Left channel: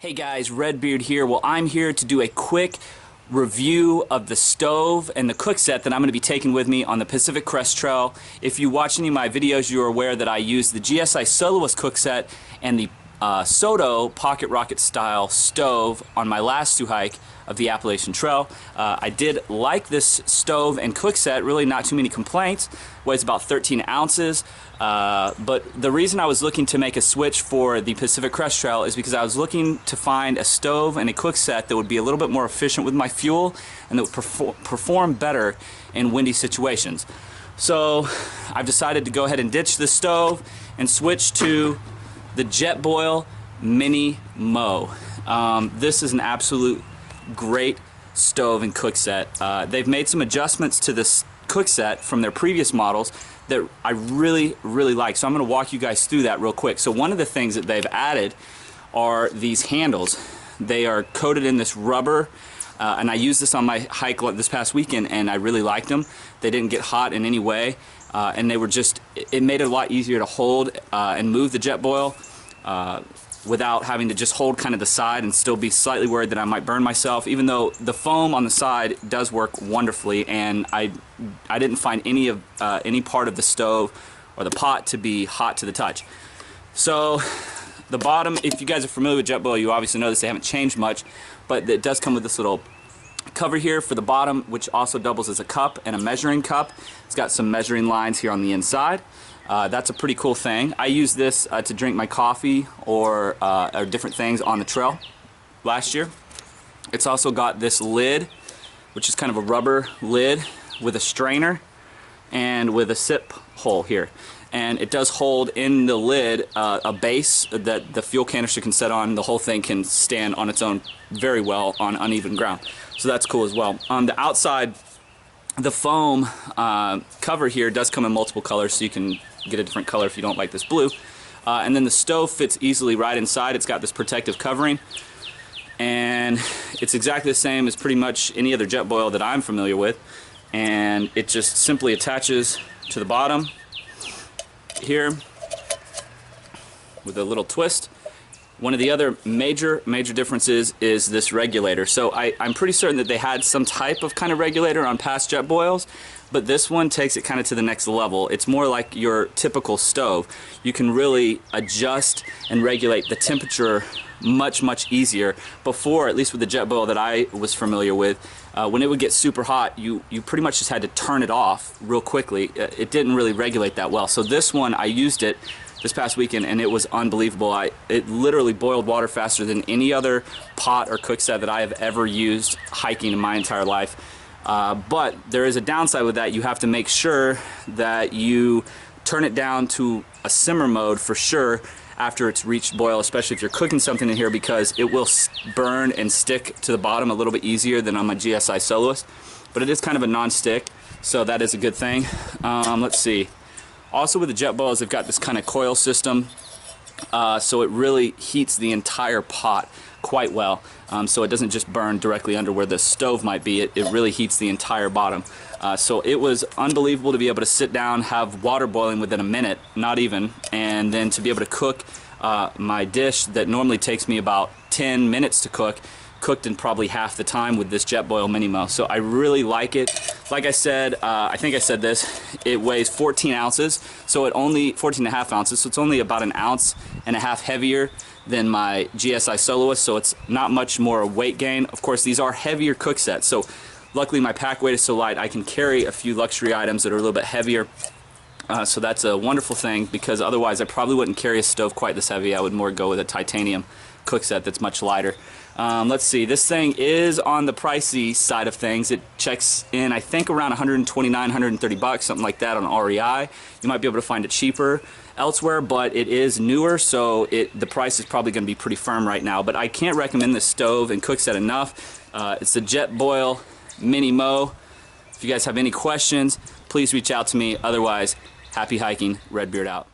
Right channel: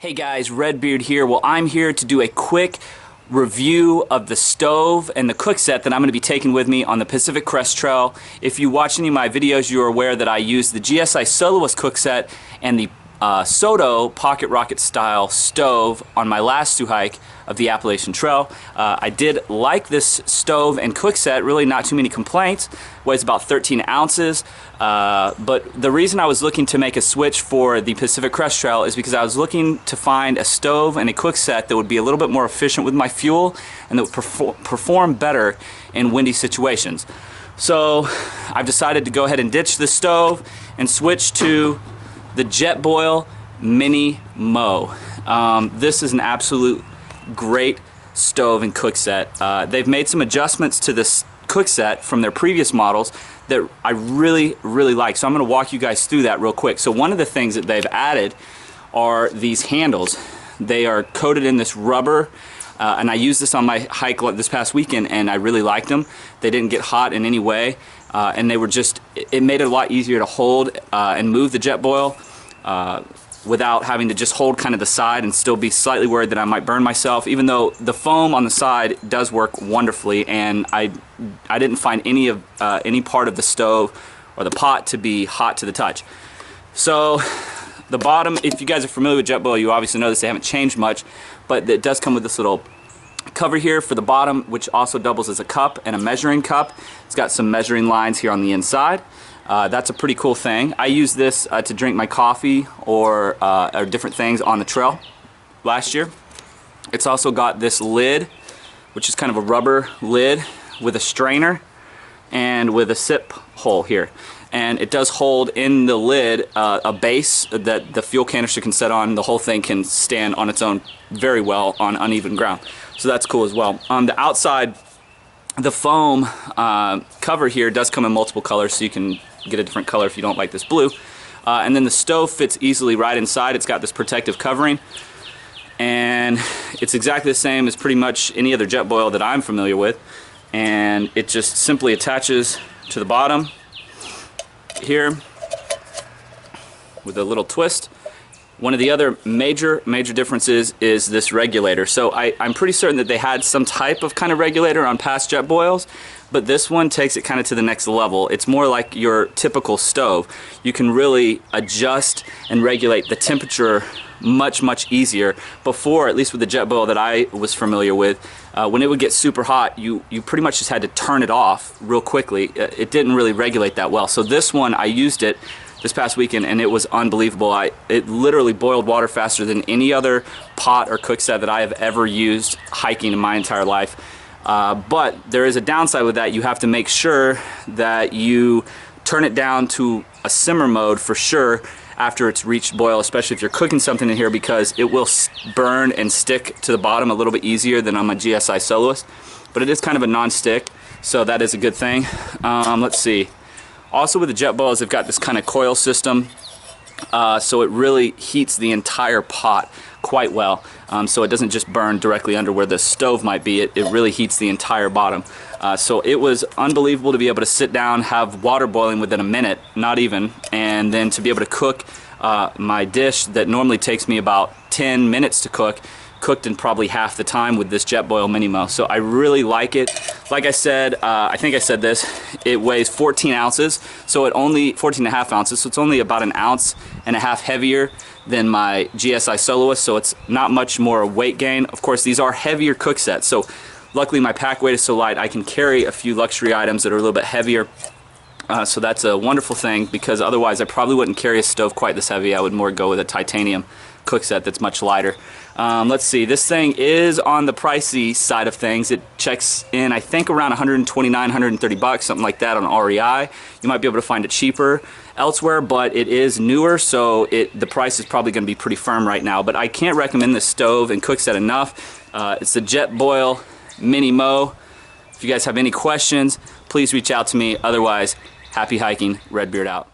Hey guys, Redbeard here. Well, I'm here to do a quick review of the stove and the cook set that I'm going to be taking with me on the Pacific Crest Trail. If you watch any of my videos, you are aware that I use the GSI Soloist Cook Set and the Soto Pocket Rocket style stove on my last through hike of the Appalachian Trail. I did like this stove and cook set, really not too many complaints. Weighs about 13 ounces, but the reason I was looking to make a switch for the Pacific Crest Trail is because I was looking to find a stove and a cook set that would be a little bit more efficient with my fuel and that would perform better in windy situations. So I've decided to go ahead and ditch the stove and switch to the Jetboil MiniMo. This is an absolute great stove and cook set. They've made some adjustments to this cook set from their previous models that I really like. So I'm going to walk you guys through that real quick. So one of the things that they've added are these handles. They are coated in this rubber, and I used this on my hike this past weekend and I really liked them. They didn't get hot in any way. And they were just, it made it a lot easier to hold and move the Jetboil without having to just hold kind of the side and still be slightly worried that I might burn myself, even though the foam on the side does work wonderfully, and I didn't find any part of the stove or the pot to be hot to the touch. So the bottom, if you guys are familiar with Jetboil, you obviously know this, they haven't changed much, but it does come with this little cover here for the bottom, which also doubles as a cup and a measuring cup. It's got some measuring lines here on the inside. That's a pretty cool thing. I use this to drink my coffee or different things on the trail last year. It's also got this lid, which is kind of a rubber lid with a strainer and with a sip hole here. And it does hold in the lid a base that the fuel canister can set on. The whole thing can stand on its own very well on uneven ground. So that's cool as well. On the outside, the foam cover here does come in multiple colors, so you can get a different color if you don't like this blue. And then the stove fits easily right inside. It's got this protective covering. And it's exactly the same as pretty much any other Jetboil that I'm familiar with. And it just simply attaches to the bottom here with a little twist. One of the other major differences is this regulator. So I'm pretty certain that they had some type of kind of regulator on past Jetboils, but this one takes it kind of to the next level. It's more like your typical stove. You can really adjust and regulate the temperature much easier. Before, at least with the Jetboil that I was familiar with, when it would get super hot, you pretty much just had to turn it off real quickly. It didn't really regulate that well. So this one, I used it this past weekend and it was unbelievable. It literally boiled water faster than any other pot or cook set that I have ever used hiking in my entire life. But there is a downside with that. You have to make sure that you turn it down to a simmer mode for sure after it's reached boil, especially if you're cooking something in here, because it will burn and stick to the bottom a little bit easier than on my GSI Soloist. But it is kind of a non-stick, so that is a good thing. Let's see. Also with the Jetboils, they've got this kind of coil system, so it really heats the entire pot quite well. So it doesn't just burn directly under where the stove might be, it really heats the entire bottom. So it was unbelievable to be able to sit down, have water boiling within a minute, not even, and then to be able to cook my dish that normally takes me about 10 minutes to cook, cooked in probably half the time with this Jetboil MiniMo. So I really like it. Like I said, I think I said this, it weighs 14 ounces, so it only, 14 and a half ounces, so it's only about an ounce and a half heavier than my GSI Soloist, so it's not much more weight gain. Of course, these are heavier cook sets, so luckily my pack weight is so light I can carry a few luxury items that are a little bit heavier. So that's a wonderful thing, because otherwise I probably wouldn't carry a stove quite this heavy. I would more go with a titanium cook set that's much lighter. Let's see, this thing is on the pricey side of things. It checks in, I think, around 129, 130 bucks, something like that on REI. You might be able to find it cheaper elsewhere, but it is newer, so the price is probably going to be pretty firm right now. But I can't recommend this stove and cook set enough. It's the Jetboil MiniMo. If you guys have any questions, please reach out to me. Otherwise, happy hiking. Redbeard out.